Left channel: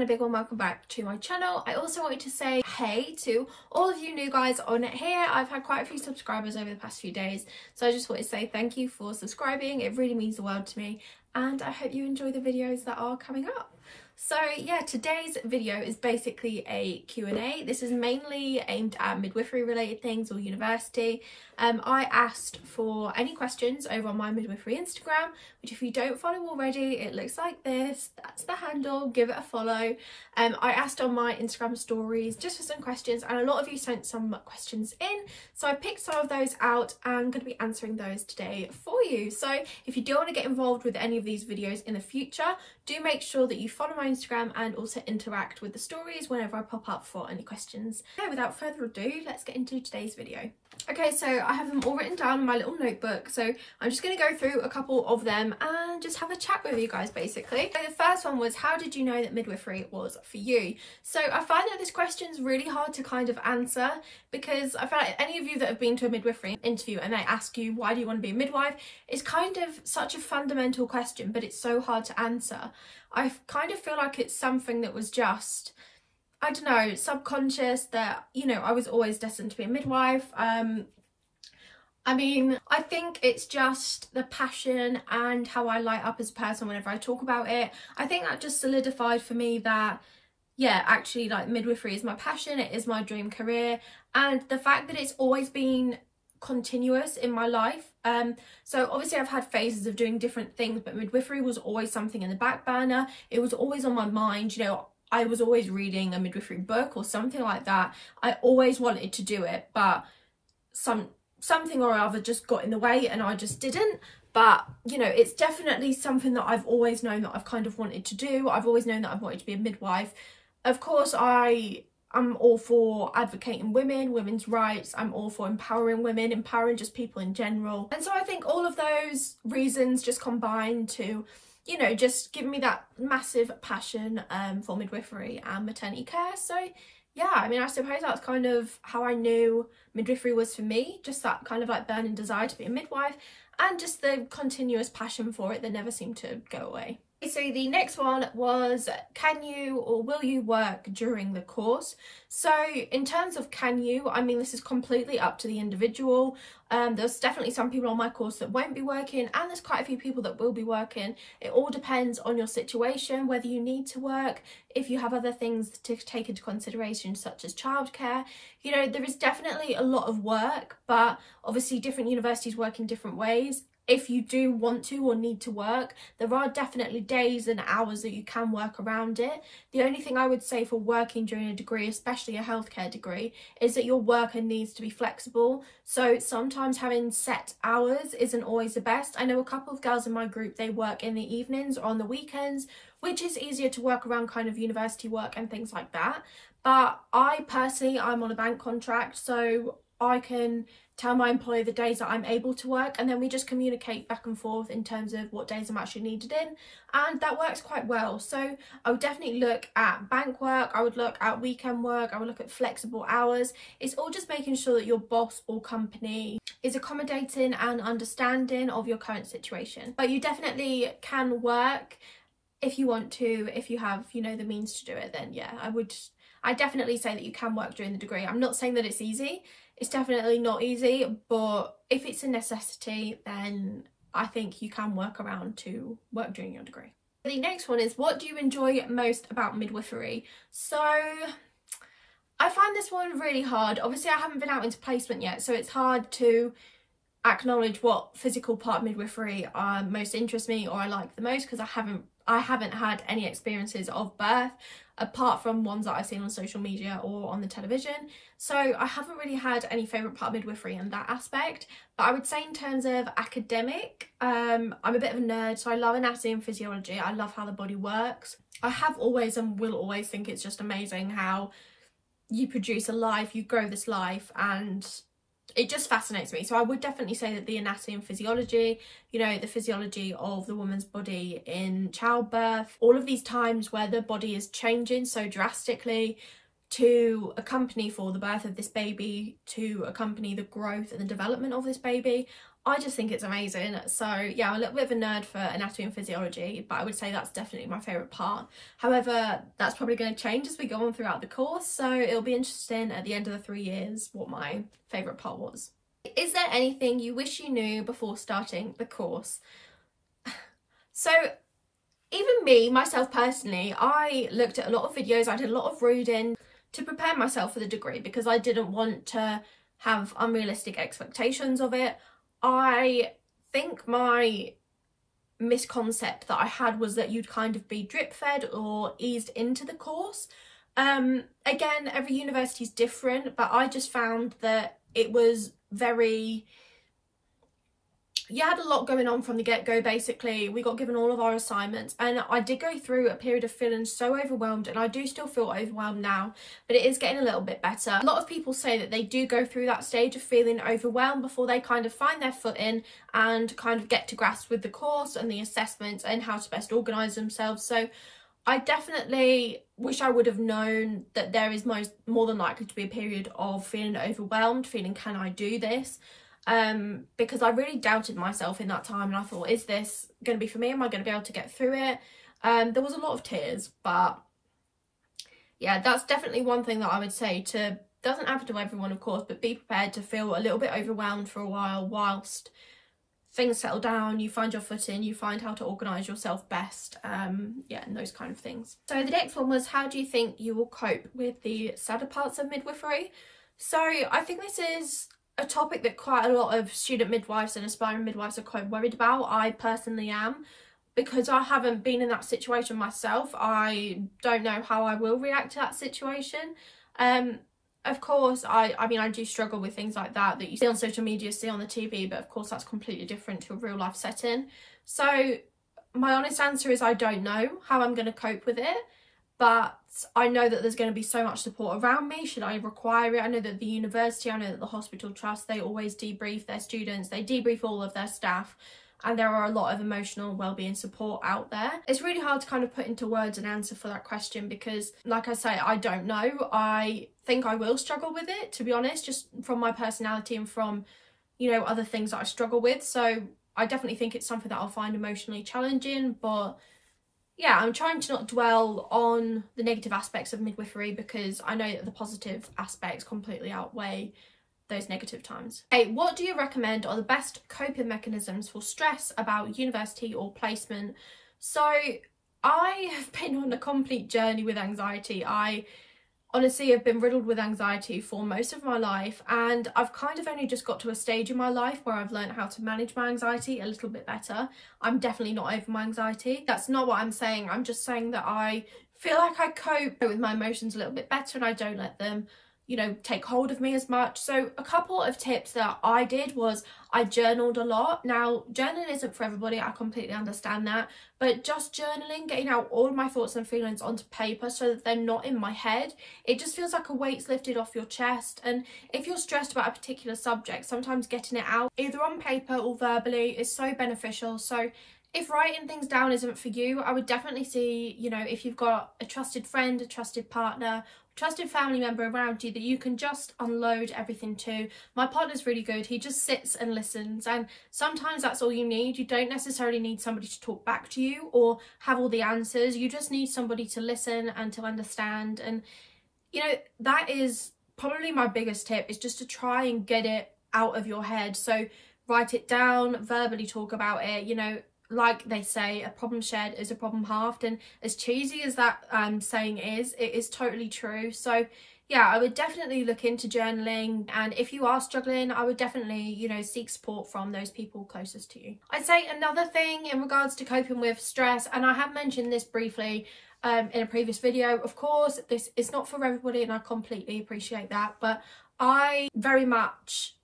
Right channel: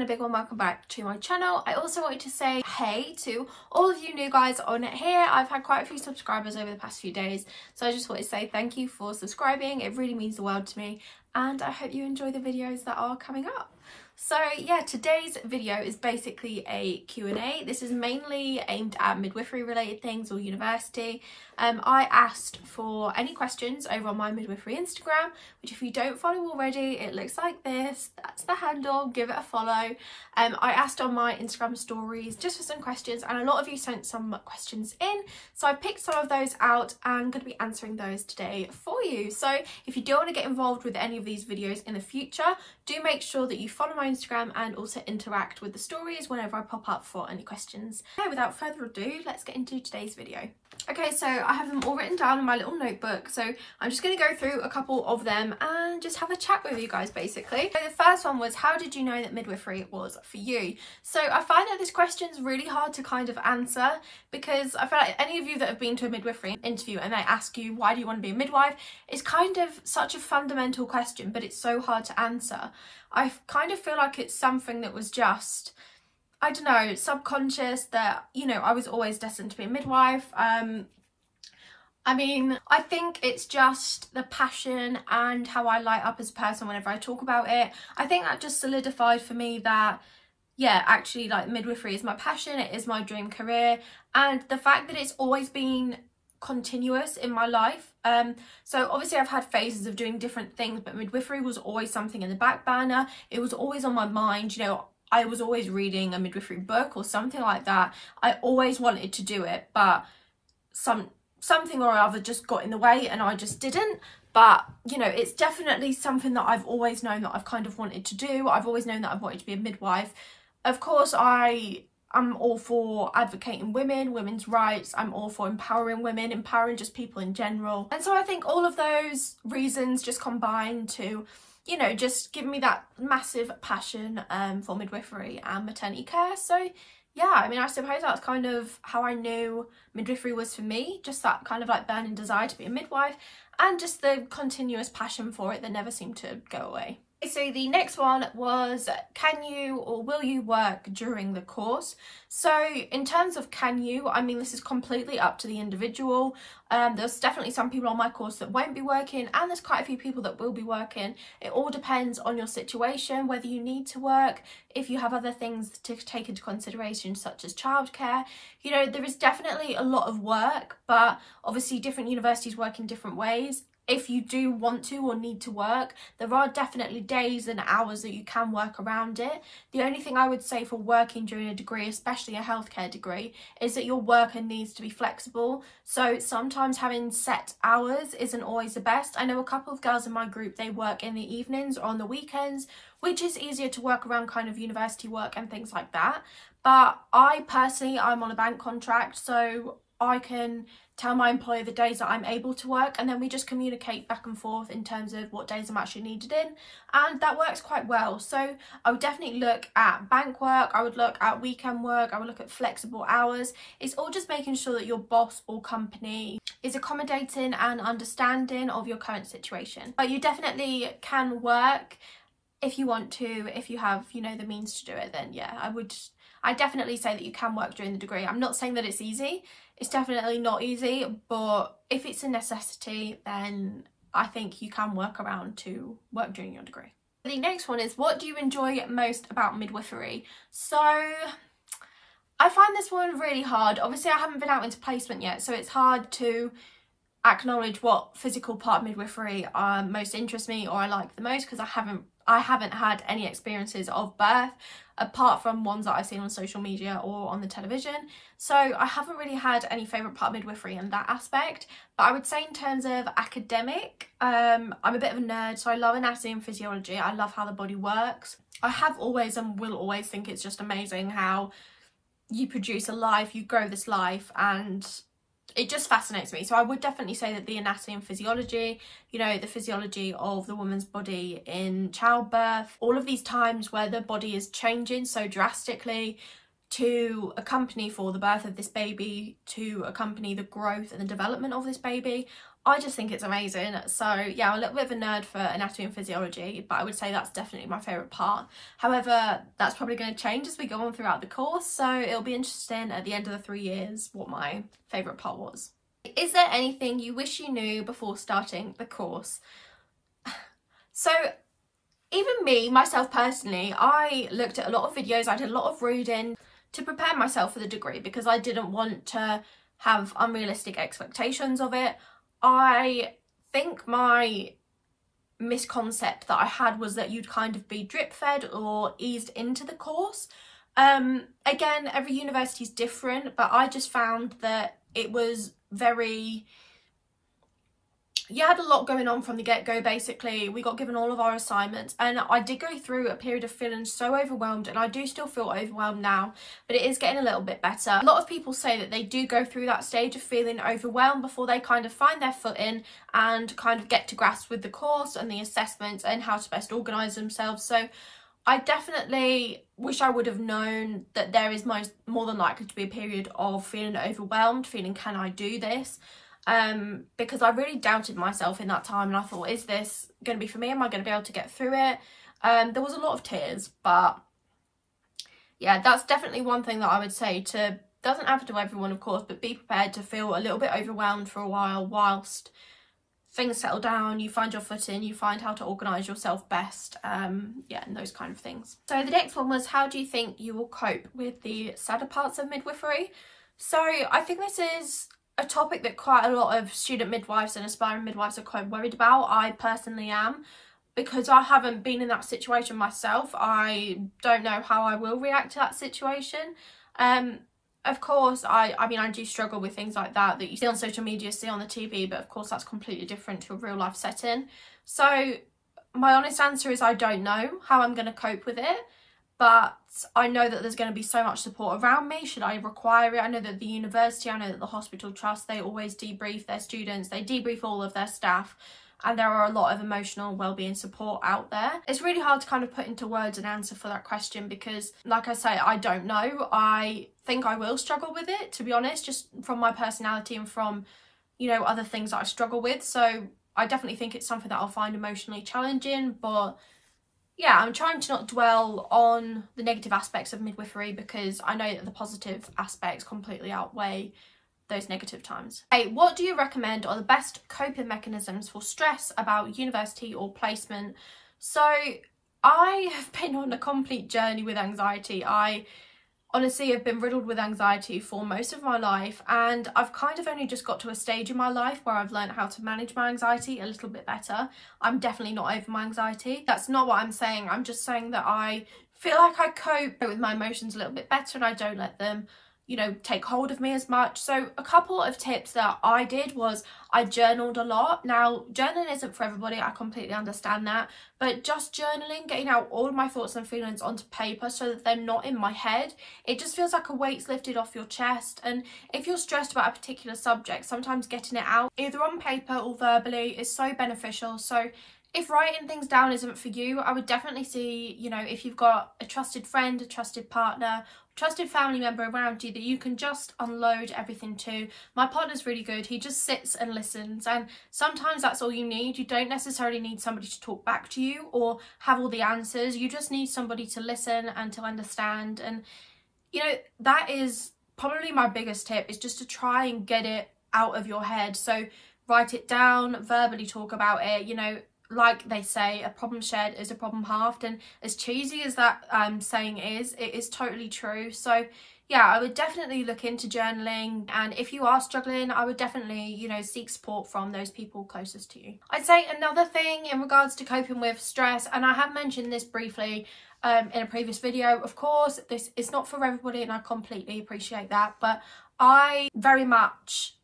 and a big warm welcome back to my channel. I also wanted to say hey to all of you new guys on it here. I've had quite a few subscribers over the past few days, so I just wanted to say thank you for subscribing. It really means the world to me, and I hope you enjoy the videos that are coming up. So yeah, today's video is basically a Q&A. This is mainly aimed at midwifery related things or university. I asked for any questions over on my midwifery Instagram, which if you don't follow already, it looks like this. That's the handle, give it a follow. I asked on my Instagram stories just for some questions, and a lot of you sent some questions in, so I picked some of those out and I'm going to be answering those today for you. So if you do want to get involved with any of these videos in the future, do make sure that you follow my Instagram and also interact with the stories whenever I pop up for any questions. Okay, without further ado, let's get into today's video. Okay, so I have them all written down in my little notebook, so I'm just going to go through a couple of them and just have a chat with you guys basically. So the first one was, how did you know that midwifery was for you? So I find that this question is really hard to kind of answer, because I feel like any of you that have been to a midwifery interview and they ask you why do you want to be a midwife, it's kind of such a fundamental question, but it's so hard to answer. I kind of feel like it's something that was just, I don't know, subconscious, that, you know, I was always destined to be a midwife. I mean, I think it's just the passion and how I light up as a person whenever I talk about it. I think that just solidified for me that, yeah, actually, like, midwifery is my passion, it is my dream career, and the fact that it's always been continuous in my life. So obviously I've had phases of doing different things, but midwifery was always something in the back burner. It was always on my mind, you know. I was always reading a midwifery book or something like that. I always wanted to do it, but something or other just got in the way and I just didn't. But, you know, it's definitely something that I've always known that I've kind of wanted to do. I've always known that I've wanted to be a midwife. Of course, I'm all for advocating women's rights. I'm all for empowering women, empowering just people in general. And so I think all of those reasons just combine to, you know, just give me that massive passion for midwifery and maternity care. So yeah, I mean, I suppose that's kind of how I knew midwifery was for me, just that kind of like burning desire to be a midwife and just the continuous passion for it that never seemed to go away. So the next one was, can you or will you work during the course? So in terms of can you, I mean, this is completely up to the individual. There's definitely some people on my course that won't be working, and there's quite a few people that will be working. It all depends on your situation, whether you need to work, if you have other things to take into consideration, such as childcare. You know, there is definitely a lot of work, but obviously different universities work in different ways. If you do want to or need to work, there are definitely days and hours that you can work around it. The only thing I would say for working during a degree, especially a healthcare degree, is that your worker needs to be flexible. So sometimes having set hours isn't always the best. I know a couple of girls in my group, they work in the evenings or on the weekends, which is easier to work around kind of university work and things like that. But I personally, I'm on a bank contract, so I can tell my employer the days that I'm able to work, and then we just communicate back and forth in terms of what days I'm actually needed in, and that works quite well. So I would definitely look at bank work, I would look at weekend work, I would look at flexible hours. It's all just making sure that your boss or company is accommodating and understanding of your current situation. But you definitely can work if you want to, if you have, you know, the means to do it. Then yeah, I definitely say that you can work during the degree. I'm not saying that it's easy. It's definitely not easy, but if it's a necessity, then I think you can work around to work during your degree. The next one is, what do you enjoy most about midwifery? So I find this one really hard. Obviously, I haven't been out into placement yet, so it's hard to acknowledge what physical part of midwifery most interests me or I like the most, because I haven't had any experiences of birth apart from ones that I've seen on social media or on the television. So I haven't really had any favourite part of midwifery in that aspect. But I would say in terms of academic, I'm a bit of a nerd, so I love anatomy and physiology. I love how the body works. I have always and will always think it's just amazing how you produce a life, you grow this life, and it just fascinates me. So I would definitely say that the anatomy and physiology, you know, the physiology of the woman's body in childbirth, all of these times where the body is changing so drastically to accompany for the birth of this baby, to accompany the growth and the development of this baby, I just think it's amazing. So yeah, I'm a little bit of a nerd for anatomy and physiology, but I would say that's definitely my favourite part. However, that's probably going to change as we go on throughout the course, so it'll be interesting at the end of the 3 years what my favourite part was. Is there anything you wish you knew before starting the course? So even me, myself personally, I looked at a lot of videos, I did a lot of reading to prepare myself for the degree because I didn't want to have unrealistic expectations of it. I think my misconcept that I had was that you'd kind of be drip fed or eased into the course. Again, every university is different, but I just found that it was very... You had a lot going on from the get-go. Basically, we got given all of our assignments, and I did go through a period of feeling so overwhelmed, and I do still feel overwhelmed now, but it is getting a little bit better. A lot of people say that they do go through that stage of feeling overwhelmed before they kind of find their footing and kind of get to grasp with the course and the assessments and how to best organise themselves. So I definitely wish I would have known that there is more than likely to be a period of feeling overwhelmed, feeling, can I do this? Because I really doubted myself in that time, and I thought, is this going to be for me? Am I going to be able to get through it? There was a lot of tears, but yeah, that's definitely one thing that I would say to, doesn't happen to everyone of course, but be prepared to feel a little bit overwhelmed for a while whilst things settle down, you find your footing, you find how to organise yourself best, yeah, and those kind of things. So the next one was, how do you think you will cope with the sadder parts of midwifery? So I think this is a topic that quite a lot of student midwives and aspiring midwives are quite worried about. I personally am, because I haven't been in that situation myself. I don't know how I will react to that situation. Of course, I mean, I do struggle with things like that you see on social media, see on the TV, but of course that's completely different to a real life setting. So my honest answer is I don't know how I'm going to cope with it, but I know that there's going to be so much support around me should I require it. I know that the university, I know that the hospital trust, they always debrief their students, they debrief all of their staff, and there are a lot of emotional wellbeing support out there. It's really hard to kind of put into words an answer for that question because, like I say, I don't know. I think I will struggle with it, to be honest, just from my personality and from, you know, other things that I struggle with. So I definitely think it's something that I'll find emotionally challenging, but yeah, I'm trying to not dwell on the negative aspects of midwifery because I know that the positive aspects completely outweigh those negative times. Hey, what do you recommend are the best coping mechanisms for stress about university or placement? So I have been on a complete journey with anxiety. I honestly have been riddled with anxiety for most of my life, and I've kind of only just got to a stage in my life where I've learned how to manage my anxiety a little bit better. I'm definitely not over my anxiety. That's not what I'm saying. I'm just saying that I feel like I cope with my emotions a little bit better and I don't let them, you know, take hold of me as much. So a couple of tips that I did was I journaled a lot. Now, journaling isn't for everybody, I completely understand that, but just journaling, getting out all of my thoughts and feelings onto paper so that they're not in my head, it just feels like a weight's lifted off your chest. And if you're stressed about a particular subject, sometimes getting it out either on paper or verbally is so beneficial. So if writing things down isn't for you, I would definitely see, you know, if you've got a trusted friend, a trusted partner, trusted family member around you that you can just unload everything to. My partner's really good. He just sits and listens, and sometimes that's all you need. You don't necessarily need somebody to talk back to you or have all the answers. You just need somebody to listen and to understand. And you know, that is probably my biggest tip, is just to try and get it out of your head. So write it down, verbally talk about it. You know, like they say, a problem shared is a problem halved, and as cheesy as that saying is, it is totally true. So yeah, I would definitely look into journaling, and if you are struggling, I would definitely, you know, seek support from those people closest to you. I'd say another thing in regards to coping with stress, and I have mentioned this briefly in a previous video, of course this is not for everybody and I completely appreciate that, but I very much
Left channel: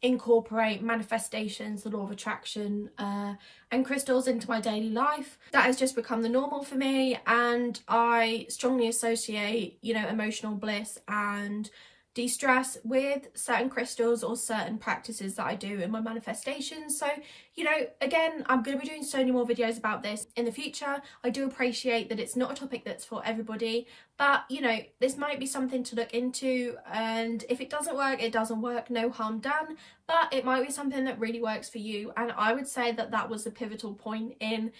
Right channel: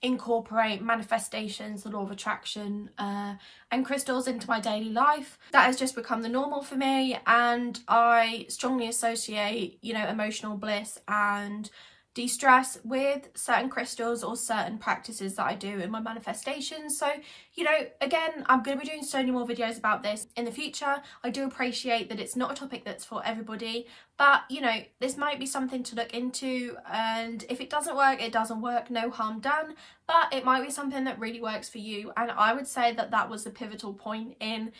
incorporate manifestations, the law of attraction, and crystals into my daily life. That has just become the normal for me, and I strongly associate, you know, emotional bliss and de-stress with certain crystals or certain practices that I do in my manifestations. So, you know, again, I'm going to be doing so many more videos about this in the future. I do appreciate that it's not a topic that's for everybody, but, you know, this might be something to look into, and if it doesn't work, it doesn't work, no harm done, but it might be something that really works for you. And I would say that that was the pivotal point in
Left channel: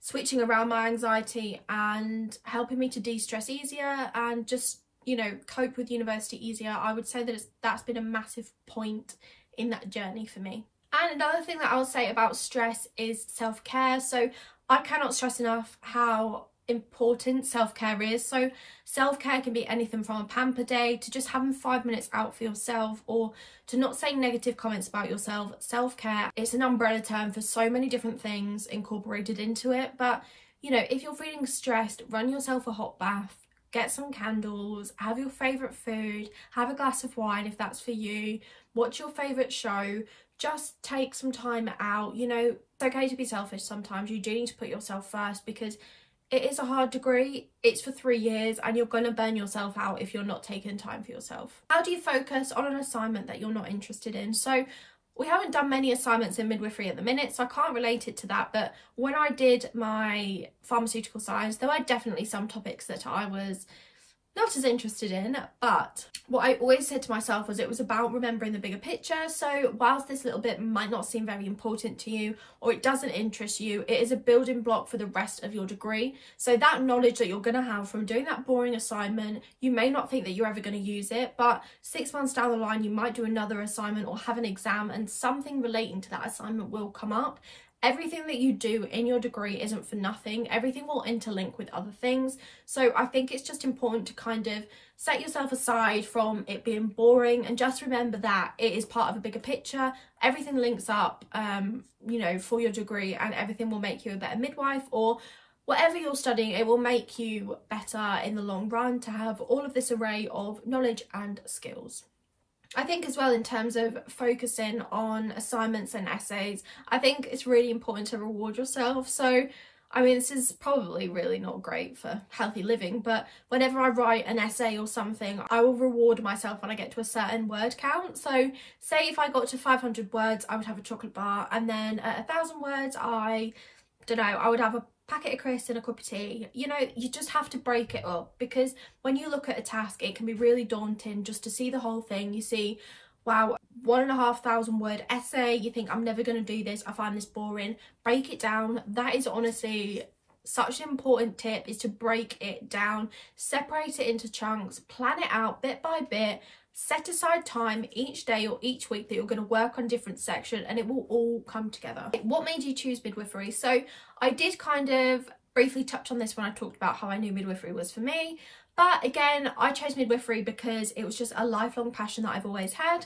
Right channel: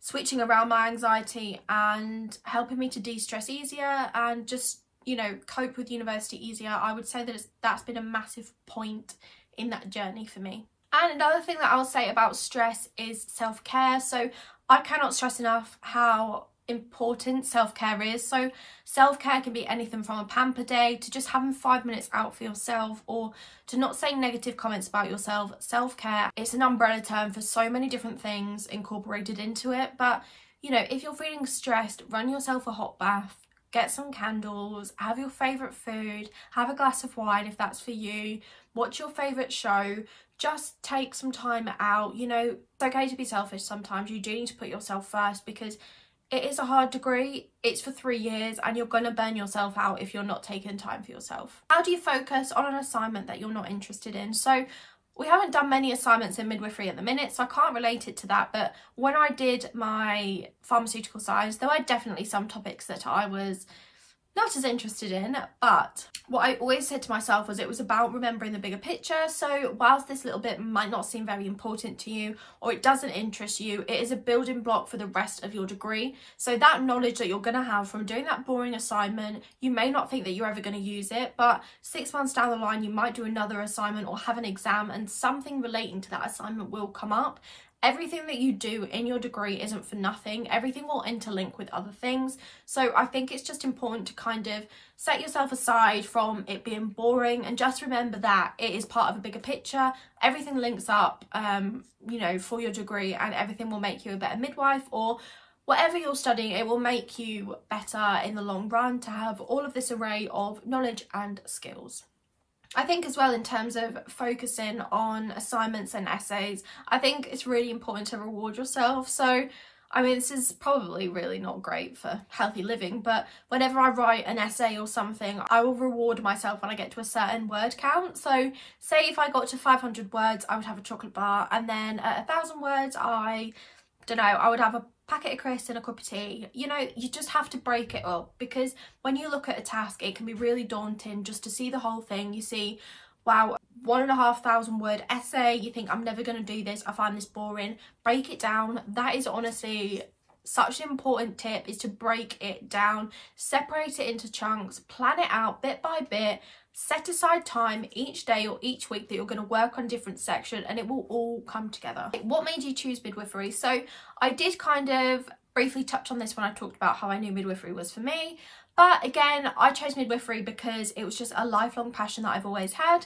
switching around my anxiety and helping me to de-stress easier and just, you know, cope with university easier. I would say that that's been a massive point in that journey for me. And another thing that I'll say about stress is self-care. So I cannot stress enough how important self-care is. So self-care can be anything from a pamper day to just having 5 minutes out for yourself, or to not saying negative comments about yourself. Self-care, it's an umbrella term for so many different things incorporated into it. But, you know, if you're feeling stressed, run yourself a hot bath, get some candles, have your favourite food, have a glass of wine if that's for you, watch your favourite show, just take some time out. You know, it's okay to be selfish sometimes. You do need to put yourself first, because it is a hard degree. It's for 3 years and you're going to burn yourself out if you're not taking time for yourself. How do you focus on an assignment that you're not interested in? So we haven't done many assignments in midwifery at the minute, so I can't relate it to that. But when I did my pharmaceutical science, there were definitely some topics that I was not as interested in, but what I always said to myself was it was about remembering the bigger picture. So whilst this little bit might not seem very important to you, or it doesn't interest you, it is a building block for the rest of your degree. So that knowledge that you're going to have from doing that boring assignment, you may not think that you're ever going to use it, but 6 months down the line you might do another assignment or have an exam and something relating to that assignment will come up. Everything that you do in your degree isn't for nothing. Everything will interlink with other things. So I think it's just important to kind of set yourself aside from it being boring, and just remember that it is part of a bigger picture. Everything links up, you know, for your degree, and everything will make you a better midwife, or whatever you're studying, it will make you better in the long run to have all of this array of knowledge and skills. I think as well, in terms of focusing on assignments and essays, I think it's really important to reward yourself. So, I mean, this is probably really not great for healthy living, but whenever I write an essay or something, I will reward myself when I get to a certain word count. So say if I got to 500 words, I would have a chocolate bar, and then at 1,000 words, I don't know, I would have a packet of crisps and a cup of tea. You know, you just have to break it up, because when you look at a task, it can be really daunting just to see the whole thing. You see, wow, 1,500 word essay, you think, I'm never going to do this, I find this boring. Break it down. That is honestly such an important tip, is to break it down, separate it into chunks, plan it out bit by bit. Set aside time each day or each week that you're going to work on different sections, and it will all come together. What made you choose midwifery? So I did kind of briefly touch on this when I talked about how I knew midwifery was for me. But again, I chose midwifery because it was just a lifelong passion that I've always had.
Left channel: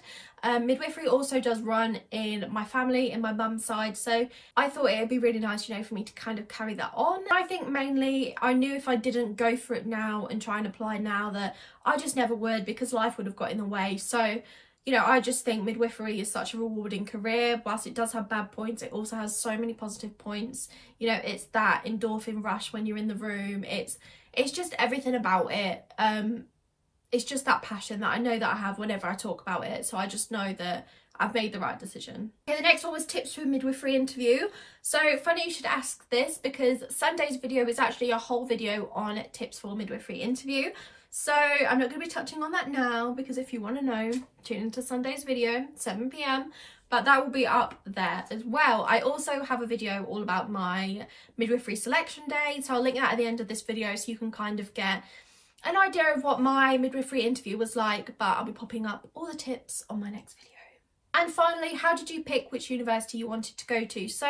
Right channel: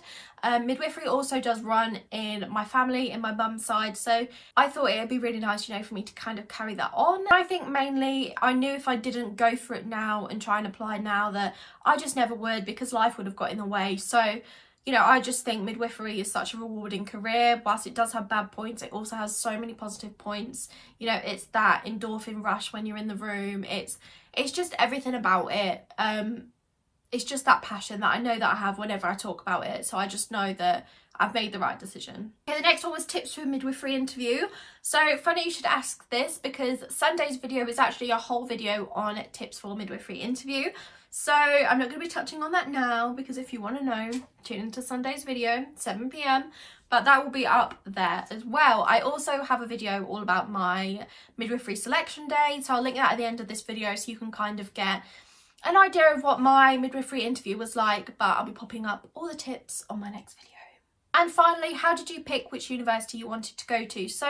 Midwifery also does run in my family, in my mum's side, so I thought it would be really nice, you know, for me to kind of carry that on. I think mainly I knew if I didn't go for it now and try and apply now that I just never would, because life would have got in the way. So, you know, I just think midwifery is such a rewarding career. Whilst it does have bad points, it also has so many positive points. You know, it's that endorphin rush when you're in the room. It's just everything about it. It's just that passion that I know that I have whenever I talk about it. So I just know that I've made the right decision. Okay, the next one was tips for a midwifery interview. So funny you should ask this, because Sunday's video is actually a whole video on tips for a midwifery interview. So I'm not going to be touching on that now, because if you want to know, tune into Sunday's video, 7 PM. But that will be up there as well. I also have a video all about my midwifery selection day, so I'll link that at the end of this video so you can kind of get an idea of what my midwifery interview was like, but I'll be popping up all the tips on my next video. And finally, how did you pick which university you wanted to go to? So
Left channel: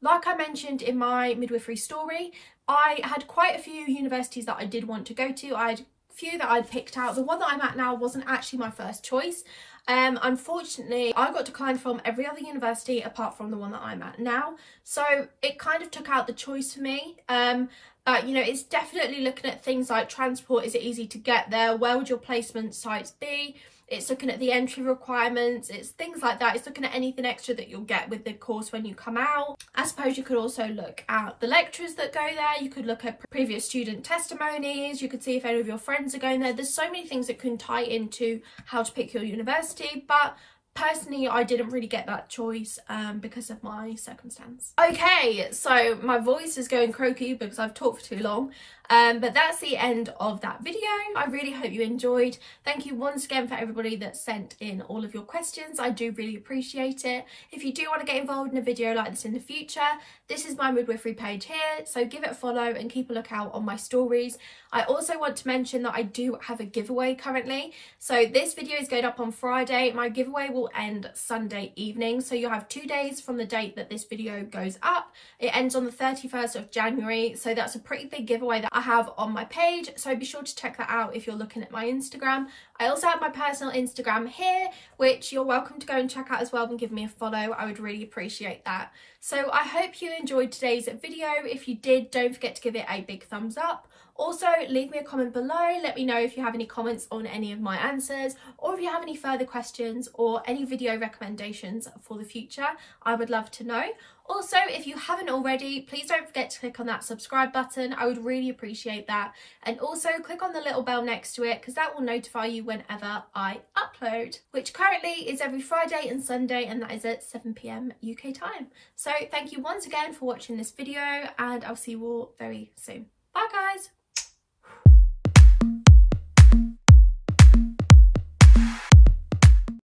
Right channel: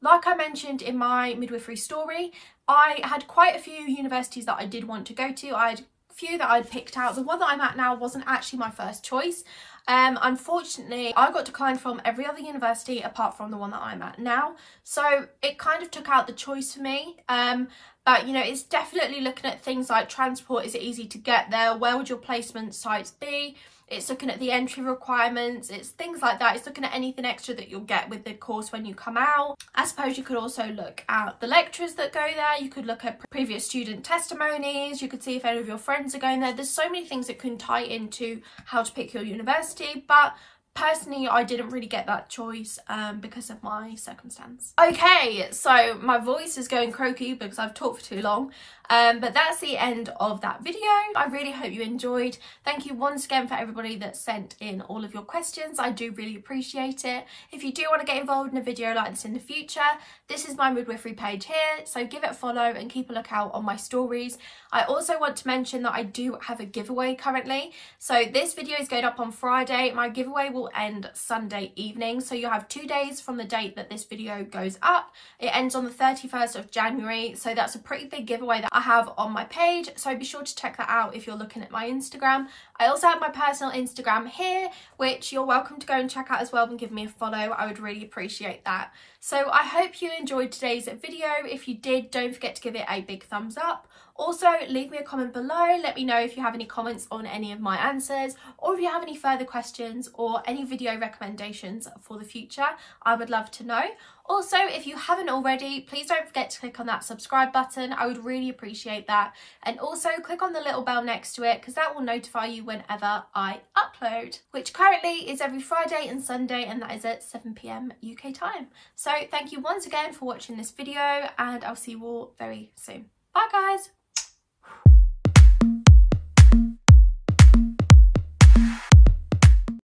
like I mentioned in my midwifery story, I had quite a few universities that I did want to go to. I had a few that I'd picked out. The one that I'm at now wasn't actually my first choice. Unfortunately, I got declined from every other university apart from the one that I'm at now. So it kind of took out the choice for me. But But, you know, it's definitely looking at things like transport. Is it easy to get there? Where would your placement sites be? It's looking at the entry requirements. It's things like that. It's looking at anything extra that you'll get with the course when you come out. I suppose you could also look at the lecturers that go there. You could look at previous student testimonies. You could see if any of your friends are going there. There's so many things that can tie into how to pick your university, but personally, I didn't really get that choice because of my circumstance. Okay, so my voice is going croaky because I've talked for too long. But that's the end of that video. I really hope you enjoyed. Thank you once again for everybody that sent in all of your questions. I do really appreciate it. If you do want to get involved in a video like this in the future, this is my midwifery page here, so give it a follow and keep a lookout on my stories. I also want to mention that I do have a giveaway currently. So this video is going up on Friday. My giveaway will end Sunday evening. So you'll have 2 days from the date that this video goes up. It ends on the 31st of January. So that's a pretty big giveaway that I have on my page. So be sure to check that out if you're looking at my Instagram. I also have my personal Instagram here, which you're welcome to go and check out as well and give me a follow. I would really appreciate that. So I hope you enjoyed today's video. If you did, don't forget to give it a big thumbs up. Also, leave me a comment below. Let me know if you have any comments on any of my answers, or if you have any further questions or any video recommendations for the future. I would love to know. Also, if you haven't already, please don't forget to click on that subscribe button. I would really appreciate that. And also click on the little bell next to it, because that will notify you whenever I upload, which currently is every Friday and Sunday, and that is at 7 PM UK time. So thank you once again for watching this video, and I'll see you all very soon. Bye guys.